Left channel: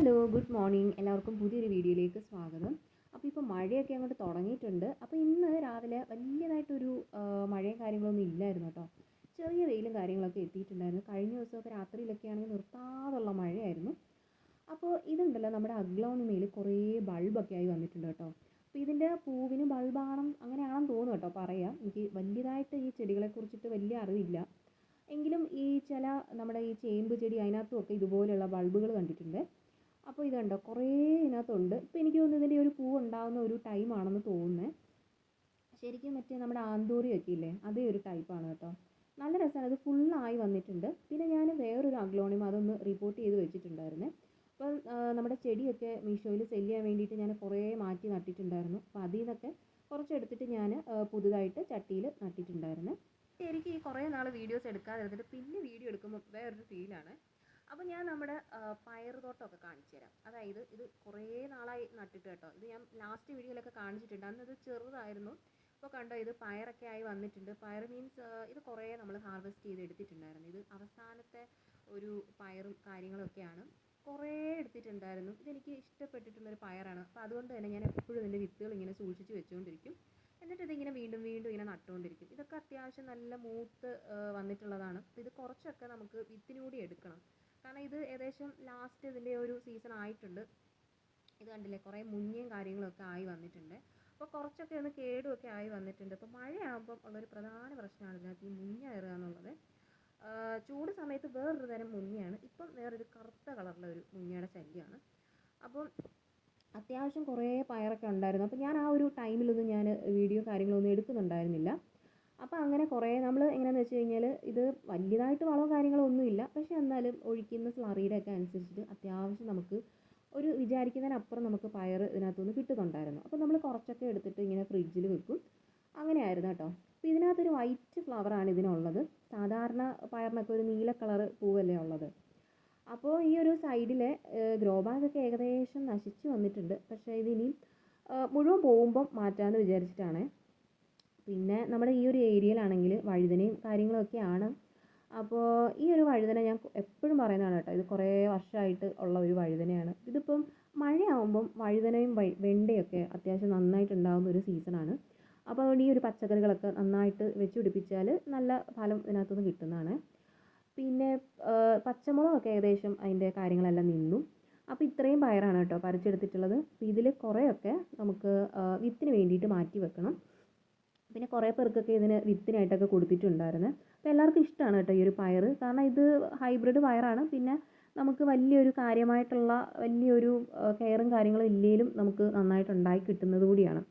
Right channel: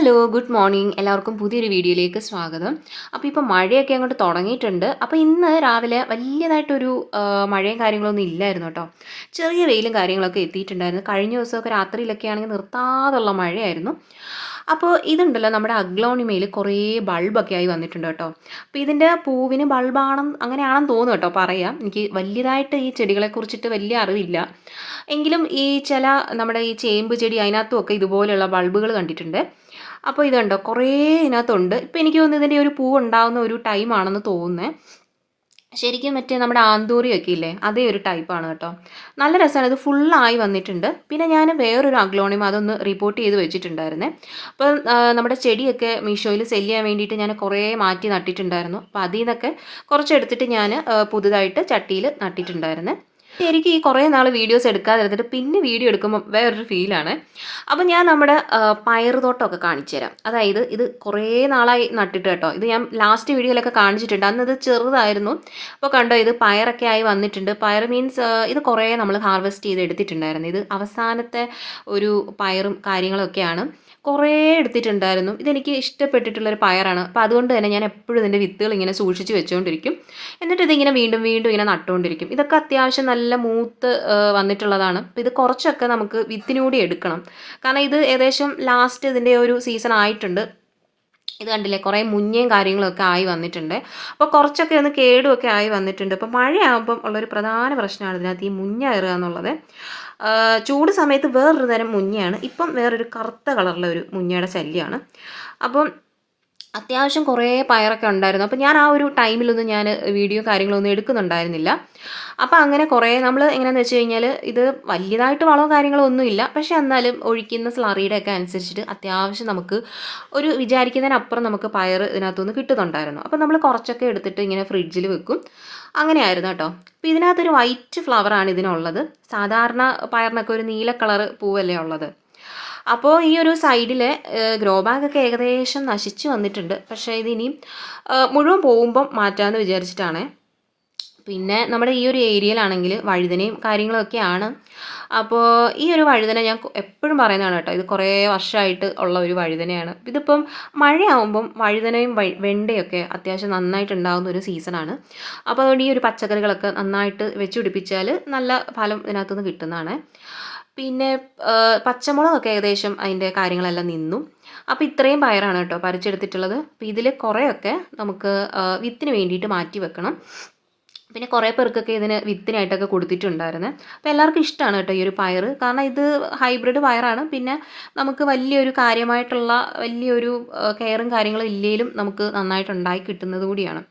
Hello, good morning. എല്ലാവർക്കും പുതിയൊരു വീഡിയോയിലേക്ക് സ്വാഗതം. അപ്പോൾ ഇപ്പോൾ മഴയൊക്കെ അങ്ങോട്ട് തുടങ്ങിയിട്ടുണ്ട്. അപ്പോൾ ഇന്ന് രാവിലെ വലിയതായിട്ടൊരു മഴയും കാര്യങ്ങളൊന്നും ഇല്ലായിരുന്നു കേട്ടോ. ചെറിയ വെയിലും കാര്യങ്ങളൊക്കെ എത്തിയിട്ടുണ്ടായിരുന്നു. കഴിഞ്ഞ ദിവസമൊക്കെ രാത്രിയിലൊക്കെ ആണെങ്കിൽ നിർത്താതുള്ള മഴയായിരുന്നു. അപ്പോൾ ഇതുണ്ടല്ലോ നമ്മുടെ അഗ്ലോണിമയിൽ കുറേ ബൾബൊക്കെ ആയി വന്നിട്ടുണ്ട് കേട്ടോ. അപ്പോൾ ഇതിൻ്റെ പൂവിന് അങ്ങനെയാണെന്ന് തോന്നുന്നു കേട്ടോ പറയാം. എനിക്ക് വലിയതായിട്ട് ഈ ചെടികളെക്കുറിച്ചിട്ട് വലിയ അറിവില്ല. എങ്കിലും ഈ ചില നമ്മുടെ ഈ ചേമ്പ് ചെടി അതിനകത്തുമൊക്കെ ഇതുപോലെയുള്ള ബൾബുകൾ കണ്ടിട്ടുണ്ട്. അപ്പോൾ ഇത് കണ്ടോ കുറേ ഇതിനകത്തുണ്ട്. ഇപ്പോൾ എനിക്ക് തോന്നുന്നു ഇതിൻ്റെ ഒരു പൂവ് ഉണ്ടാകുന്ന ഒരു ടൈമാണെന്ന് തോന്നുന്നത്. ശരിക്കും മറ്റേ നമ്മുടെ ആന്തൂറിയൊക്കെ ഇല്ലേ അതേ ഒരു ടൈപ്പാണ് കേട്ടോ. നല്ല രസമാണ്, ഇത് ഫുള്ളായി വന്നിട്ടുണ്ട്. പിന്നെ ഞാൻ വേറൊരു അഗ്ലോണിമ അതൊന്ന് റിപ്പോർട്ട് ചെയ്ത് വെച്ചിട്ടുണ്ടായിരുന്നേ. അപ്പം നമ്മുടെ ചെടിയൊക്കെ മീഷോയിൽ സെല് ചെയ്യാൻ വേണ്ടിയിട്ട് ഞാൻ കുറേ മാറ്റി നട്ടിട്ടുണ്ടായിരുന്നു. അപ്പോൾ അതിൽ നിന്നൊക്കെ കുറച്ചെടുത്തിട്ട് ഞാൻ പുതുതായിട്ട് ചട്ടിയിൽ നട്ടിട്ടുണ്ടായിരുന്നേ. എനിക്ക് ഈ കുറേ നാൾ വീഡിയോസ് എടുക്കാതിരുന്നിട്ട് പിന്നെ വീഡിയോ എടുക്കുമ്പോൾ വേറൊരു ഫീലാണ്. അപ്പോൾ ഞാൻ നമ്മുടെ പയറുതോട്ടമൊക്കെ കാണിച്ചു തരാം. അതായത് ഇത് കുറേ നാളായി നട്ടിട്ട് കേട്ടോ. ഇത് ഞാൻ ലാസ്റ്റ് വീഡിയോയിലൊക്കെ കാണിച്ചിട്ടുണ്ട്. അന്ന് ഇത് ചെറുതായിരുന്നു. അപ്പോൾ കണ്ടോ ഇത് പയറൊക്കെ ആയി വന്നിട്ടുണ്ട്. പയർ മീൻസ് ഇത് കുറേ നമ്മൾ ഹാർവെസ്റ്റ് ചെയ്ത് എടുത്തിട്ടുണ്ടായിരുന്നു. ഇത് അവസാനത്തെ ഒരു പയറും കാര്യങ്ങളൊക്കെയാണ്. കുറേ എടുത്തിട്ടുണ്ടായിരുന്നു. ഇതെനിക്ക് ഇഷ്ടപ്പെട്ടിട്ടുള്ളൊരു പയറാണ്. അപ്പോൾ അതുകൊണ്ട് തന്നെ ഞാൻ എപ്പോഴും ഇതിൻ്റെ വിത്തുകൾ ഇങ്ങനെ സൂക്ഷിച്ച് വെച്ചുകൊണ്ടിരിക്കും. എന്നിട്ട് ഇതിങ്ങനെ വീണ്ടും വീണ്ടും ഇങ്ങനെ നട്ടുകൊണ്ടിരിക്കും. ഇതൊക്കെ അത്യാവശ്യം നല്ല മൂത്ത് വന്നിട്ടുള്ളതാണ്. അപ്പോൾ ഇത് കുറച്ചൊക്കെ നമുക്ക് വിത്തിനൂടി എടുക്കണം. കാരണം ഇത് ഏകദേശം ലാസ്റ്റ് ഇതിൻ്റെ ഒരു സീസൺ ആയിട്ടുണ്ട്. ഇത് കണ്ടില്ലേ കുറേ മുഞ്ഞയും കാര്യങ്ങളൊക്കെ ആയി വന്നിട്ടുണ്ട്. അപ്പോൾ കുറച്ചൊക്കെ ഒന്ന് കേടുമൊക്കെ ആയി വന്നിട്ടുണ്ട്. അപ്പോൾ മഴയാകുമ്പം ഉള്ളൊരു പ്രധാന പ്രശ്നമാണ് ഇതിനകത്ത് ഈ മുഞ്ഞ കയറുക എന്നുള്ളത്. ചൂട് സമയത്ത് വേറൊരു തരം മുഞ്ഞയാണ്, ഇപ്പം വേറൊരു കറുത്ത കളറിലെ ഒരു മുഞ്ഞയുടെ ശല്യമാണ്. അപ്പം അത്യാവശ്യം കുറേ പയറൊക്കെ ഉണ്ടായിരുന്നു. അപ്പോൾ ഞാൻ ആ ഒരു ടൈമിലൊന്നും ഞാൻ വീഡിയോ കാര്യങ്ങളൊന്നും എടുക്കുന്നുണ്ടായിരുന്നില്ല. അപ്പോൾ അങ്ങനെ കുറേ നമ്മൾ എങ്ങനെയാണെന്ന് വെച്ച് കഴിഞ്ഞാൽ ഇത് വലിയതായിട്ട് വളമോ കാര്യങ്ങളോ ഒന്നുമില്ല. പക്ഷേ എന്നാലും ഒഴിക്കുന്ന സ്ലറിയുടെ ഒക്കെ അനുസരിച്ചിട്ട് അത്യാവശ്യം നമുക്ക് ഒരു വിചാരിക്കുന്നതിനപ്പുറം നമുക്ക് പയർ ഇതിനകത്തുനിന്ന് കിട്ടുന്നുണ്ടായിരുന്നു. അപ്പോൾ നമ്മൾ കുറച്ചൊക്കെ എടുത്തിട്ട് ഇങ്ങനെ ഫ്രിഡ്ജിൽ വെക്കും. അങ്ങനെയായിരുന്നു കേട്ടോ. അപ്പോൾ ഇതിനകത്തൊരു വൈറ്റ് ഫ്ലവറാണ് ഇതിനുള്ളത്. സാധാരണ പയറിനൊക്കെ ഒരു നീല കളറ് പൂവല്ലേ ഉള്ളത്. അപ്പോൾ ഈ ഒരു സൈഡിലെ ഗ്രോ ബാഗൊക്കെ ഏകദേശം നശിച്ചു വന്നിട്ടുണ്ട്. പക്ഷേ ഇതിനിയും മുഴുവൻ പോകുമ്പം മാറ്റാമെന്ന് വിചാരിച്ചിട്ടാണ്. പിന്നെ നമ്മുടെ ഈ ഒരു ഏരിയയിലാണെങ്കിൽ വഴുതനയും കാര്യങ്ങളൊക്കെയാണ്. അപ്പോൾ ഈ ഒരു വഴുതന ഞാൻ എപ്പോഴും പറയുന്നതാണ് കേട്ടോ. ഇത് കുറേ വർഷമായിട്ട് ഉള്ള ഒരു വഴുതനയാണ്. ഇതിപ്പം മഴയാവുമ്പം വഴുതനയും വെണ്ടയൊക്കെ അത്യാവശ്യം നന്നായിട്ട് ഉണ്ടാകുന്ന ഒരു സീസണാണ്. അപ്പോൾ അതുകൊണ്ട് ഈ ഒരു പച്ചക്കറികളൊക്കെ നന്നായിട്ട് വെച്ച് പിടിപ്പിച്ചാൽ നല്ല ഫലം ഇതിനകത്തുനിന്ന് കിട്ടുന്നതാണ്. പിന്നെ പച്ചമുളകൊക്കെ ഏകദേശം അതിൻ്റെ കാര്യങ്ങളെല്ലാം നിന്നു. അപ്പോൾ ഇത്രയും പയറാണ് കേട്ടോ പറിച്ചെടുത്തിട്ടുള്ളത്. അപ്പോൾ ഇതിൽ കുറേയൊക്കെ നമുക്ക് വിത്തിന് വേണ്ടിയിട്ട് മാറ്റി വെക്കണം. പിന്നെ കുറേ പേർക്കൊക്കെ ഇതിന് വിത്തിനായിട്ടൊക്കെ കൊടുത്തിട്ടുണ്ടായിരുന്നു. അപ്പോൾ എല്ലാവർക്കും ഇഷ്ടമാണ് കേട്ടോ ഈ ഒരു പയർ. കാരണം ഇത് ഹൈബ്രിഡ് പയറാണ്. പിന്നെ നമുക്ക് വലിയൊരു കാര്യമായിട്ടുള്ള വലിയൊരു കെയറും കാര്യങ്ങളും ഇല്ലെങ്കിലും നമുക്ക് നന്നായിട്ട് ഉണ്ടായി കിട്ടുന്നത് കൂടിയാണ്.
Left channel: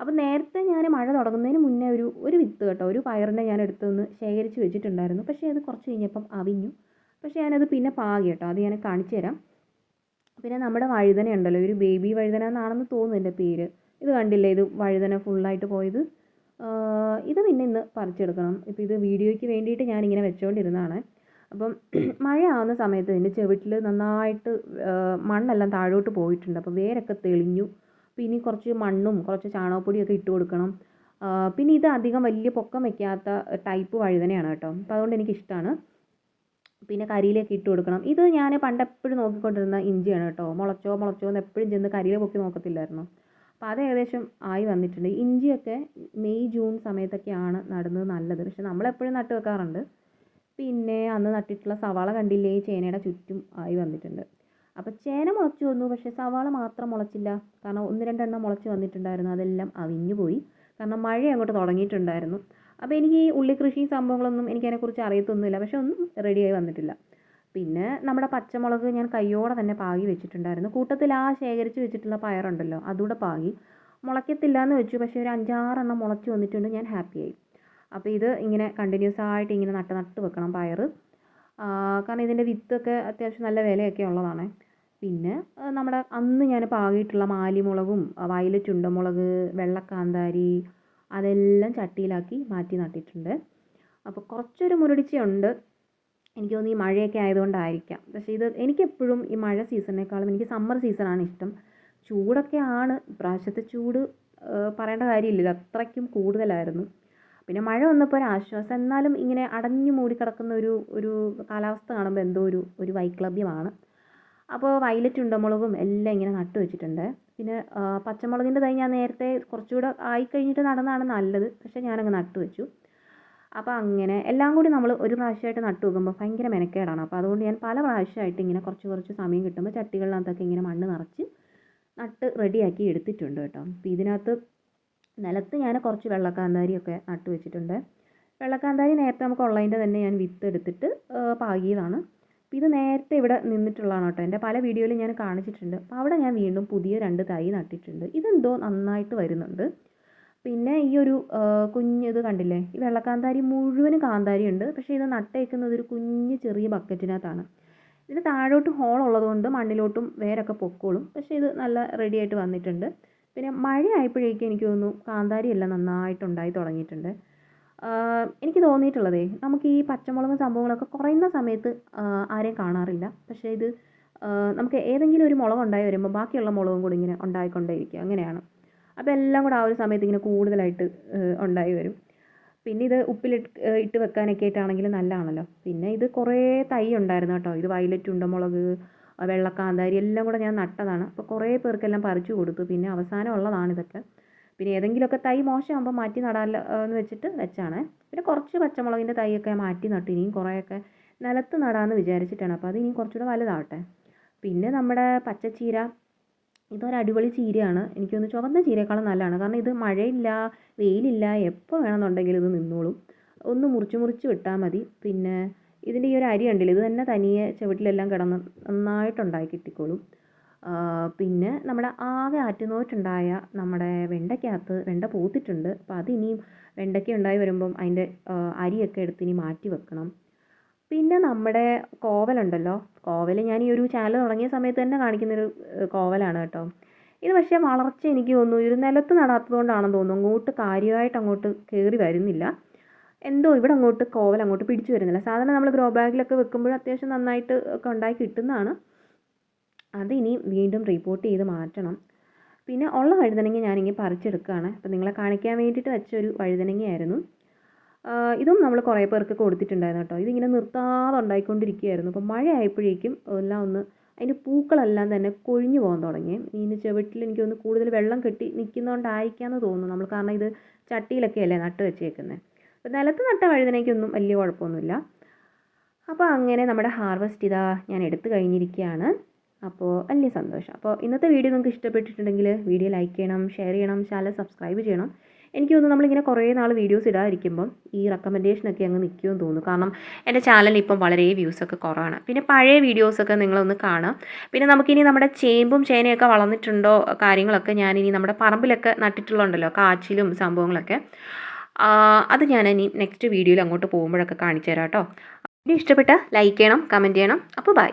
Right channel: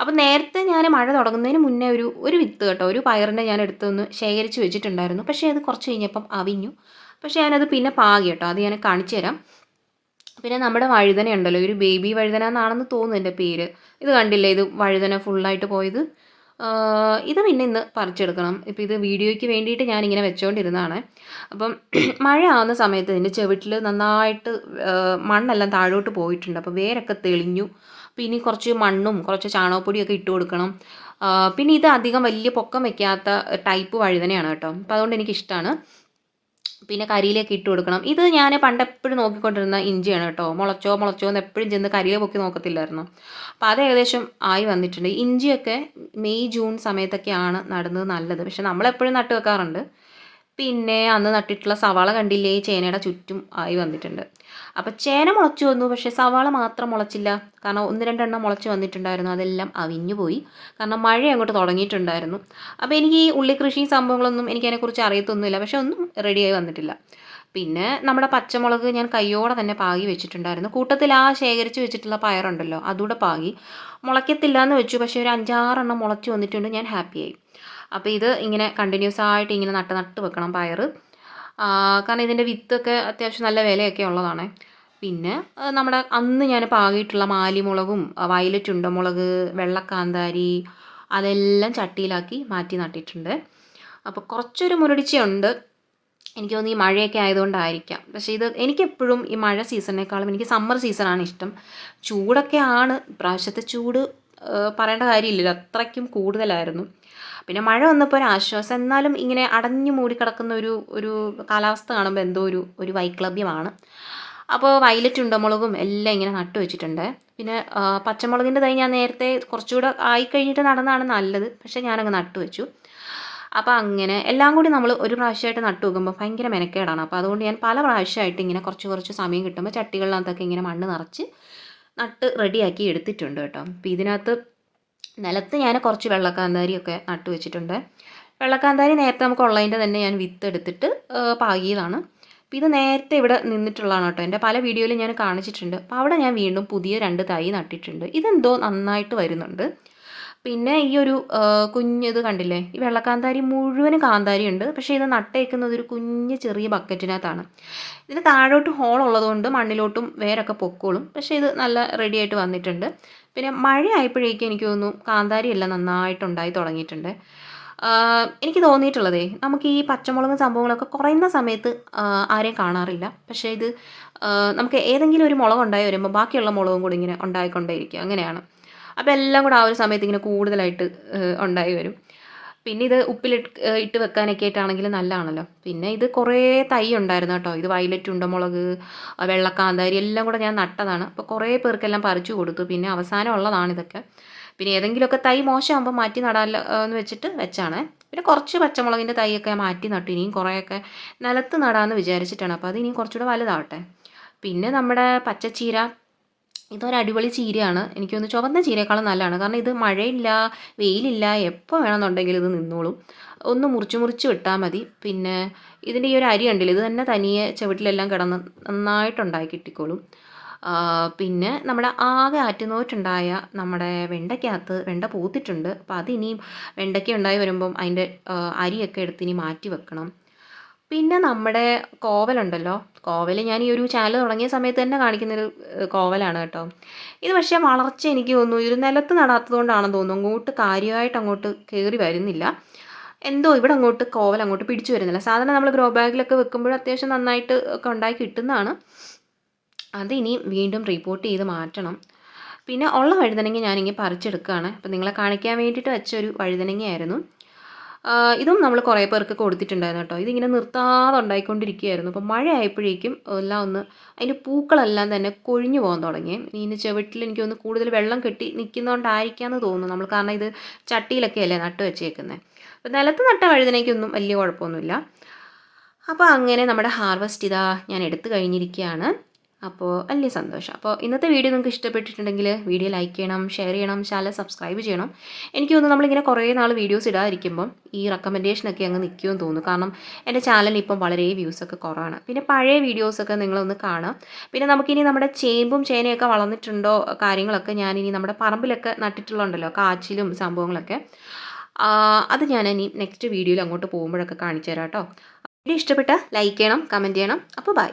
അപ്പോൾ നേരത്തെ ഞാൻ മഴ തുടങ്ങുന്നതിന് മുന്നേ ഒരു വിത്ത് കേട്ടോ, ഒരു പയറിനെ ഞാൻ എടുത്തൊന്ന് ശേഖരിച്ച് വെച്ചിട്ടുണ്ടായിരുന്നു. പക്ഷേ അത് കുറച്ച് കഴിഞ്ഞപ്പം അവിഞ്ഞു. പക്ഷേ ഞാനത് പിന്നെ പാകി കേട്ടോ, അത് ഞാൻ കാണിച്ചു തരാം. പിന്നെ നമ്മുടെ വഴുതന ഉണ്ടല്ലോ, ഒരു ബേബി വഴുതന എന്നാണെന്ന് തോന്നുന്നു എൻ്റെ പേര്. ഇത് കണ്ടില്ലേ, ഇത് വഴുതന ഫുള്ളായിട്ട് പോയത്. ഇത് പിന്നെ ഇന്ന് പറിച്ചെടുക്കണം. ഇപ്പോൾ ഇത് വീഡിയോയ്ക്ക് വേണ്ടിയിട്ട് ഞാനിങ്ങനെ വെച്ചുകൊണ്ടിരുന്നതാണ്. അപ്പം മഴ ആവുന്ന സമയത്ത് ഇതിൻ്റെ ചുവട്ടിൽ നന്നായിട്ട് മണ്ണെല്ലാം താഴോട്ട് പോയിട്ടുണ്ട്. അപ്പോൾ വേരൊക്കെ തെളിഞ്ഞു. പിന്നെ കുറച്ച് മണ്ണും കുറച്ച് ചാണകപ്പൊടിയൊക്കെ ഇട്ട് കൊടുക്കണം. പിന്നെ ഇത് അധികം വലിയ പൊക്കം വയ്ക്കാത്ത ടൈപ്പ് വഴുതനയാണ് കേട്ടോ. അപ്പോൾ അതുകൊണ്ട് എനിക്കിഷ്ടമാണ്. പിന്നെ കരിയിലേക്ക് ഇട്ട് കൊടുക്കണം. ഇത് ഞാൻ പണ്ടെപ്പോഴും നോക്കിക്കൊണ്ടിരുന്ന ഇഞ്ചിയാണ് കേട്ടോ. മുളച്ചോ മുളച്ചോ എന്ന് എപ്പോഴും ചെന്ന് കരിയില പൊക്കി നോക്കത്തില്ലായിരുന്നു. അപ്പോൾ അത് ഏകദേശം ആയി വന്നിട്ടുണ്ട്. ഇഞ്ചിയൊക്കെ മെയ് ജൂൺ സമയത്തൊക്കെയാണ് നടുന്നത് നല്ലത്. പക്ഷെ നമ്മളെപ്പോഴും നട്ട് വെക്കാറുണ്ട്. പിന്നെ അന്ന് നട്ടിട്ടുള്ള സവാള കണ്ടില്ലേ, ചേനയുടെ ചുറ്റും ആയി വന്നിട്ടുണ്ട്. അപ്പോൾ ചേന മുളച്ചു വന്നു, പക്ഷേ സവാള മാത്രം മുളച്ചില്ല. കാരണം 1-2 മുളച്ച് വന്നിട്ടുണ്ടായിരുന്നു, അതെല്ലാം അവിഞ്ഞു പോയി. കാരണം മഴ അങ്ങോട്ട് തുടങ്ങിയിട്ടുണ്ടായിരുന്നു. അപ്പോൾ എനിക്ക് ഈ ഉള്ളിക്കൃഷിയും സംഭവങ്ങളൊന്നും എനിക്കതിനെക്കുറിച്ച് അറിയത്തൊന്നുമില്ല. പക്ഷേ ഒന്നും റെഡിയായി വന്നിട്ടില്ല. പിന്നെ നമ്മുടെ പച്ചമുളക് ഞാൻ കയ്യോടെ തന്നെ പാകി വെച്ചിട്ടുണ്ടായിരുന്നു. കൂട്ടത്തിൽ ആ ശേഖരിച്ച് വെച്ചിട്ടുള്ള പയറുണ്ടല്ലോ അതുകൂടെ പാകി. മുളയ്ക്കത്തില്ല എന്ന് വെച്ചു, പക്ഷേ ഒരു 5-6 മുളച്ച് വന്നിട്ടുണ്ട്. ഞാൻ ഹാപ്പിയായി. അപ്പോൾ ഇത് ഇങ്ങനെ കണ്ടിന്യൂസ് ആയിട്ട് ഇങ്ങനെ നട്ട് വെക്കണം പയർ. കാരണം ഇതിൻ്റെ വിത്തൊക്കെ അത്യാവശ്യം നല്ല വിലയൊക്കെ ഉള്ളതാണ്. പിന്നെ നമ്മുടെ അന്ന് ഞാൻ പാകിയിട്ടുള്ള മാലിമുളകും വയലറ്റ് ഉണ്ടമുളക്, വെള്ളക്കാന്താരി അതെല്ലാം ചട്ടിയിലാക്കി മാറ്റി നട്ടിട്ടുണ്ട്. അപ്പോൾ കുറച്ചൊരു മുരടിച്ചയുണ്ട്. എനിക്ക് തോന്നുന്നു ഈ മഴയൊക്കെ ആയതുകൊണ്ടായിരിക്കാം. പക്ഷേ ഇത് എനിക്കെപ്പോഴും ഈ മഴ സീസണിനേക്കാളും എനിക്ക് സമ്മർ സീസണാണ് ഇഷ്ടം. ചൂടൊക്കെ ആണ്, ഇപ്രാവശ്യത്തെ ചൂട് പറയേണ്ട കാര്യമില്ലല്ലോ, അത്രയ്ക്കും കൂടുതലായിരുന്നു. പിന്നെ മഴ വന്നപ്പോൾ ഒരു ആശ്വാസം. എന്നാലും ഇങ്ങനെ അടഞ്ഞു മൂടി കിടക്കുന്ന ഒരു കാലാവസ്ഥ കാണുമ്പോൾ എന്തോ ഒരു വൈക്ലഭ്യമാണ്. അപ്പോൾ വയലറ്റ് ഉണ്ടമുളകും എല്ലാം ഇങ്ങനെ നട്ടു വെച്ചിട്ടുണ്ട്. പിന്നെ പച്ചമുളകിൻ്റെ തൈ ഞാൻ നേരത്തെ കുറച്ചുകൂടെ ആയിക്കഴിഞ്ഞിട്ട് നടന്നതാണ് നല്ലത്. പക്ഷേ ഞാനങ്ങ് നട്ടു വെച്ചു. അപ്പോൾ അങ്ങനെ എല്ലാം കൂടി നമ്മൾ ഒരു പ്രാവശ്യമായിട്ട് നട്ടു വെക്കുമ്പോൾ ഭയങ്കര മെനക്കേടാണ്. അപ്പോൾ അതുകൊണ്ട് ഞാൻ പല പ്രാവശ്യമായിട്ട് ഇങ്ങനെ കുറച്ച് കുറച്ച് സമയം കിട്ടുമ്പോൾ ചട്ടികളിനകത്തൊക്കെ ഇങ്ങനെ മണ്ണ് നിറച്ച് നട്ട് റെഡിയാക്കി എടുത്തിട്ടുണ്ട് കേട്ടോ. അപ്പോൾ ഇതിനകത്ത് നിലത്ത് ഞാൻ കുറച്ച് വെള്ളക്കാന്താരിയൊക്കെ നട്ടു വെച്ചിട്ടുണ്ട്. വെള്ളക്കാന്താരി നേരത്തെ നമുക്ക് ഉള്ളതിൻ്റെ തന്നെ ഞാൻ വിത്ത് എടുത്തിട്ട് പാകിയതാണ്. അപ്പോൾ ഇത് നേരത്തെ ഇവിടെ നിന്നിട്ടുള്ളതാണ് കേട്ടോ. എൻ്റെ പല വീഡിയോയിലും ഞാൻ കാണിച്ചിട്ടുണ്ട്. അപ്പോൾ അവിടെ ഞാൻ വീണ്ടും പുതിയ 2 തൈ നട്ടിട്ടുണ്ട്. ഇതെന്തോ നന്നായിട്ട് വരുന്നുണ്ട്. പിന്നെ ഈ ഒരു കുഞ്ഞിത് കണ്ടില്ലേ, ഈ വെള്ളക്കാന്താരി മുഴുവനും കാന്താരി ഉണ്ട്. പക്ഷേ ഇത് നട്ടേക്കുന്നത് ഒരു കുഞ്ഞ് ചെറിയ ബക്കറ്റിനകത്താണ്. ഇതിന് താഴോട്ട് ഹോൾ ഉള്ളതുകൊണ്ട് മണ്ണിലോട്ടും വേരൊക്കെ പൊക്കോളും. പക്ഷേ ഇത് നല്ല റെഡി ആയിട്ട് വന്നിട്ടുണ്ട്. പിന്നെ മഴ ആയപ്പോഴേക്കും എനിക്ക് തോന്നുന്നു കാന്താരി എല്ലാം നന്നായിട്ടുണ്ടായി തുടങ്ങിയിട്ടുണ്ട്. എനിക്ക് തോന്നിയിട്ടുള്ളതേ, നമുക്ക് ഈ പച്ചമുളകും സംഭവങ്ങളൊക്കെ കുറയുന്ന സമയത്ത് ആരെയും കാണാറില്ല. പക്ഷേ ഇത് നമുക്ക് ഏതെങ്കിലും ഒരു മുളക് ഉണ്ടായി വരുമ്പോൾ ബാക്കിയുള്ള മുളകും കൂടി ഇങ്ങനെ ഉണ്ടായിക്കൊണ്ടേയിരിക്കും, അങ്ങനെയാണ്. അപ്പോൾ എല്ലാം കൂടെ ആ ഒരു സമയത്ത് ഇങ്ങനെ കൂടുതലായിട്ട് ഉണ്ടായി വരും. പിന്നെ ഇത് ഇട്ട് വെക്കാനൊക്കെ ആയിട്ടാണെങ്കിലും നല്ലതാണല്ലോ. പിന്നെ ഇത് കുറേ തൈ ഉണ്ടായിരുന്നു കേട്ടോ. ഇത് വയലറ്റ് ഉണ്ടമുളക്, വെള്ളക്കാന്താരി എല്ലാം കൂടെ ഞാൻ നട്ടതാണ്. അപ്പോൾ കുറേ പേർക്കെല്ലാം പറിച്ചു കൊടുത്തു. പിന്നെ അവസാനം ഉള്ളതാണിതൊക്കെ. പിന്നെ ഏതെങ്കിലുമൊക്കെ തൈ മോശമാകുമ്പോൾ മാറ്റി നടാമല്ലോ എന്ന് വെച്ചിട്ട് വെച്ചാണ്. പിന്നെ കുറച്ച് പച്ചമുളകിൻ്റെ തൈയൊക്കെ മാറ്റി നട്ടു. ഇനിയും കുറേയൊക്കെ നിലത്ത് നടാമെന്ന് വിചാരിച്ചിട്ടാണ്. അപ്പോൾ അത് ഇനിയും കുറച്ചുകൂടെ വലുതാവട്ടെ. പിന്നെ നമ്മുടെ പച്ചച്ചീര, ഇതൊരു അടിപൊളി ചീരയാണ്. എനിക്ക് തോന്നുന്നു ചുവന്ന ചീരയേക്കാളും നല്ലതാണ്. കാരണം ഇത് മഴയില്ല, വെയിലില്ല, എപ്പോൾ വേണമെന്നുണ്ടെങ്കിലും ഇത് നിന്നോളും. ഒന്ന് മുറിച്ച് മുറിച്ച് വിട്ടാൽ മതി. പിന്നെ ഇതിൻ്റെ ഈ ഒരു അരി കണ്ടില്ലേ, ഇത് തന്നെ തനിയെ ചുവട്ടിലെല്ലാം കിടന്ന് നന്നായിട്ടുണ്ടായി കിട്ടിക്കോളും. പിന്നെ നമ്മുടെ ആകെ ആറ്റുനോറ്റുണ്ടായ നമ്മുടെ വെണ്ടയ്ക്കകത്ത് വെണ്ട പൂത്തിട്ടുണ്ട്. അപ്പോൾ അതിനിയും വെണ്ടയ്ക്ക ഉണ്ടായി വരുമ്പം അതിൻ്റെ അരിയൊക്കെ എടുത്ത് ഇനി മാറ്റി വെക്കണം. പിന്നെ നമ്മുടെ കോവലുണ്ടല്ലോ, കോവൽ ഞാൻ ഈ ഒരു ചാനൽ തുടങ്ങിയ സമയത്ത് തന്നെ കാണിക്കുന്നൊരു കോവലാണ് കേട്ടോ. ഇത് പക്ഷേ വളർച്ച എനിക്ക് തോന്നുന്നു ഇത് നിലത്ത് നടാത്തത് കൊണ്ടാണെന്ന് തോന്നുന്നു അങ്ങോട്ട് കാര്യമായിട്ട് അങ്ങോട്ട് കയറി വരുന്നില്ല. എന്തോ ഇവിടെ അങ്ങോട്ട് കോവൽ അങ്ങോട്ട് പിടിച്ചു വരുന്നില്ല. സാധാരണ നമ്മൾ ഗ്രോ ബാഗിലൊക്കെ വെക്കുമ്പോൾ അത്യാവശ്യം നന്നായിട്ട് ഒക്കെ ഉണ്ടായി കിട്ടുന്നതാണ്. അത് ഇനി വീണ്ടും റിപ്പോർട്ട് ചെയ്ത് മാറ്റണം. പിന്നെ ഉള്ള വഴുതനങ്ങ ഞാനിങ്ങനെ പറിച്ചെടുക്കുകയാണ്. അപ്പോൾ നിങ്ങളെ കാണിക്കാൻ വേണ്ടിയിട്ട് വെച്ചൊരു വഴുതനങ്ങയായിരുന്നു. ഇതും നമ്മൾ കുറേ പേർക്ക് കൊടുത്തിട്ടുണ്ടായിരുന്നു കേട്ടോ. ഇതിങ്ങനെ നിർത്താതെ ഉണ്ടായിക്കൊണ്ടിരിക്കുകയായിരുന്നു. അപ്പോൾ മഴ ആയപ്പോഴേക്കും എല്ലാം ഒന്ന് അതിൻ്റെ പൂക്കളെല്ലാം തന്നെ കൊഴിഞ്ഞു പോകാൻ തുടങ്ങി. ഇതിൻ്റെ ചുവട്ടിൽ എനിക്ക് തോന്നുന്നു കൂടുതൽ വെള്ളം കെട്ടി നിൽക്കുന്നതുകൊണ്ടായിരിക്കാമെന്ന് തോന്നുന്നു. നമ്മൾ കാരണം ഇത് ചട്ടിയിലൊക്കെ അല്ലേ നട്ട് വെച്ചേക്കുന്നത്. അപ്പോൾ നിലത്ത് നട്ട വഴുതനയ്ക്കൊന്നും വലിയ കുഴപ്പമൊന്നുമില്ല. അപ്പോൾ അങ്ങനെ നമ്മുടെ ഹാർവെസ്റ്റ് ഇതാ ഞാൻ എടുത്തു കഴിഞ്ഞിരിക്കുകയാണ്. അപ്പോൾ വലിയ സന്തോഷം. അപ്പോൾ ഇന്നത്തെ വീഡിയോ നിങ്ങൾക്ക് ഇഷ്ടപ്പെട്ടിട്ടുണ്ടെങ്കിൽ വീഡിയോ ലൈക്ക് ചെയ്യണം, ഷെയർ ചെയ്യണം, ചാനൽ സബ്സ്ക്രൈബ് ചെയ്യണം. എനിക്ക് തോന്നുന്നു നമ്മളിങ്ങനെ കുറേ നാൾ വീഡിയോസ് ഇടാതിരിക്കുമ്പം ഈ റെക്കമെൻഡേഷനൊക്കെ അങ്ങ് നിൽക്കുമെന്ന് തോന്നുന്നു. കാരണം എൻ്റെ ചാനലിൽ ഇപ്പം വളരെ വ്യൂസൊക്കെ കുറവാണ്. പിന്നെ പഴയ വീഡിയോസൊക്കെ നിങ്ങളൊന്ന് കാണാം. പിന്നെ നമുക്കിനി നമ്മുടെ ചേമ്പും ചേനയൊക്കെ വളർന്നിട്ടുണ്ടോ കാര്യങ്ങളൊക്കെ ഞാനിനി നമ്മുടെ പറമ്പിലൊക്കെ നട്ടിട്ടുള്ളതുണ്ടല്ലോ കാച്ചിലും സംഭവങ്ങളൊക്കെ, അത് ഞാനിനി നെക്സ്റ്റ് വീഡിയോയിൽ അങ്ങോട്ട് പോകുമ്പോഴൊക്കെ കാണിച്ചു തരാം കേട്ടോ. വീഡിയോ ഇഷ്ടപ്പെട്ടാൽ ലൈക്ക് ചെയ്യണം, കമൻറ്റ് ചെയ്യണം. അപ്പോൾ ബൈ.